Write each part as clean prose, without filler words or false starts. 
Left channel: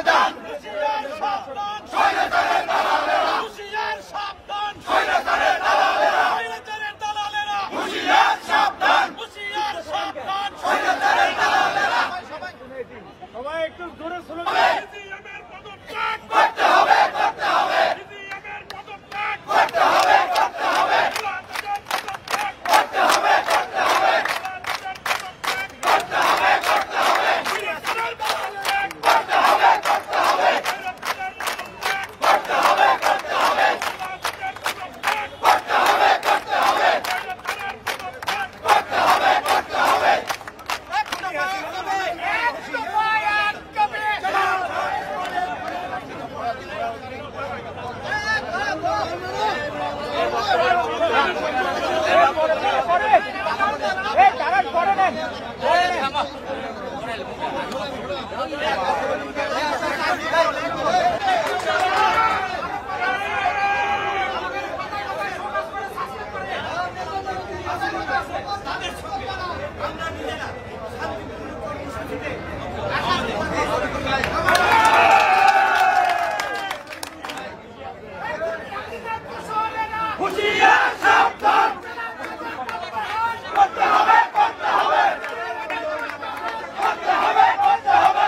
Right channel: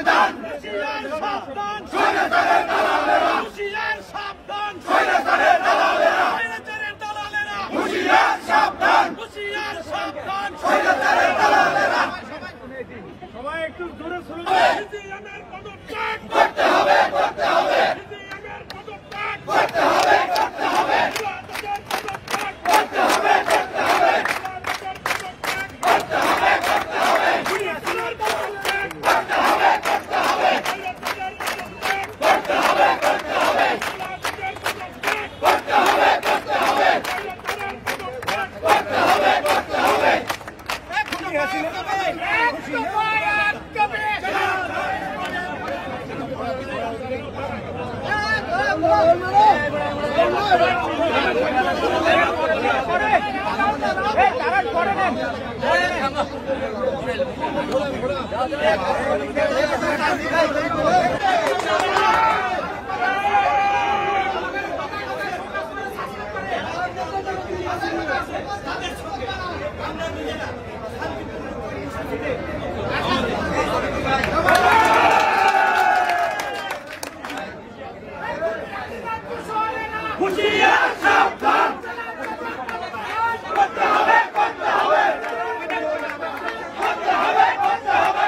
আবেদন সবাই একটু জোরে শুনুন। করতে হবে করতে হবে করতে হবে করতে হবে করতে হবে করতে হবে করতে হবে করতে হবে করতে হবে করতে হবে করতে হবে করতে হবে করতে হবে করতে হবে করতে হবে করতে হবে আমরা নিজেরা শান্তিপূর্ণ কর্মসূচিতে হুঁশিয়ার সাবধান করতে হবে করতে হবে করতে হবে করতে হবে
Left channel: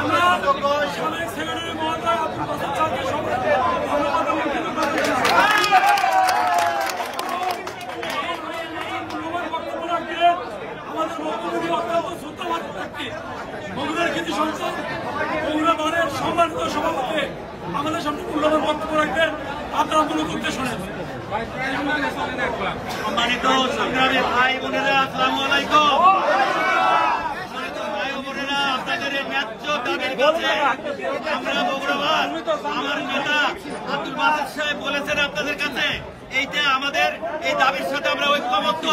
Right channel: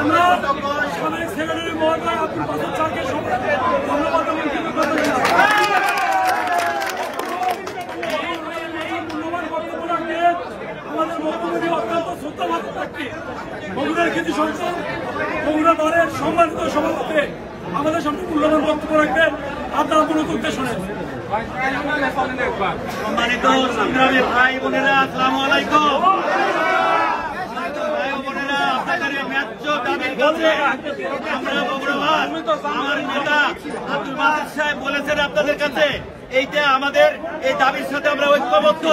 আমরা সাবেক সেক্রেটারি মহোদয় আব্দুল বাসের স্যারকে ধন্যবাদ এবং কৃতজ্ঞতা মূল্যবান বক্তব্য রাখবেন। আমাদের বক্তব্যটি অত্যন্ত শ্রদ্ধাবাদ থাকবে। বগুড়ার কৃতি সংসদ বগুড়া দলের সম্মানিত সভাপতি আমাদের সামনে মূল্যবান বক্তব্য রাখবেন। আপনারা মূলত উদ্দেশ্য নেন। সম্মানিত সংগ্রামী ভাই বোনেরা, আসসালামু আলাইকুম। সম্মানিত ভাই ও বোনেরা, আপনাদের এই ন্যায্য দাবির কাছে আমরা বগুড়াবাদ, আমার নেতা আব্দুল বাসের সাহেব বলেছেন আপনাদের কাছে এইটা আমাদের এই দাবির সাথে আমরা ঐক্যবদ্ধ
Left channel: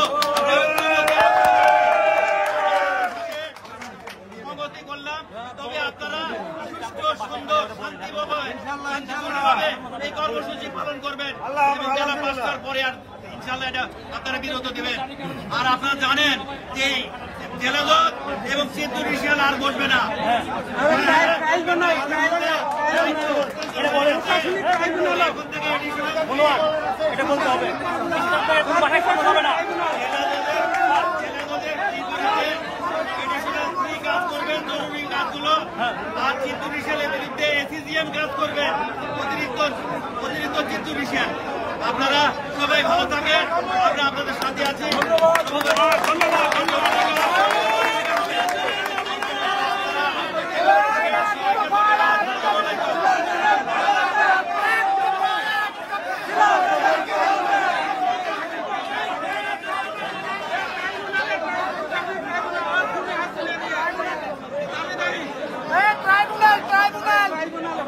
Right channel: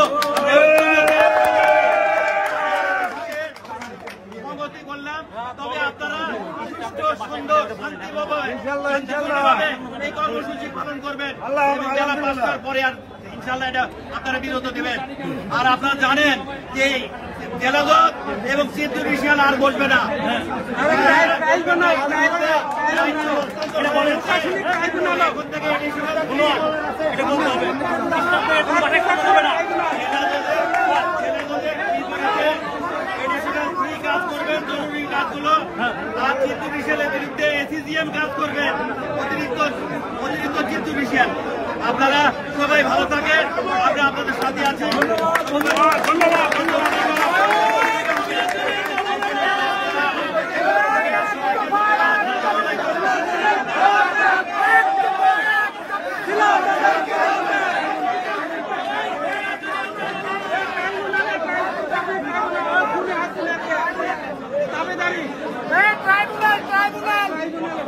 করলাম। তবে আপনারা সুষ্ঠু সুন্দর শান্তিভাবে এই কর্মসূচি পালন করবেন এবং জেলা পাঁচটার পরে আর ইনশাল্লাহ এটা আপনারা বিরত দেবেন। আর আপনারা জানেন যে জেলা জজ এবং সিদ্ধুর রিশিয়ান আর বসবে না, বসবেন না। ইতিমধ্যে এখন থেকে কাজ করবেন, জরুরি কাজগুলো, আর চিত্তবিষয়ের বিরুদ্ধে এসিজিএম কাজ করবেন, অতিরিক্ত চিত্তবিষয়। আপনারা সবাই ভালো থাকেন, আমরা আপনাদের সাথে আছি। ট্রাইব্যুনাল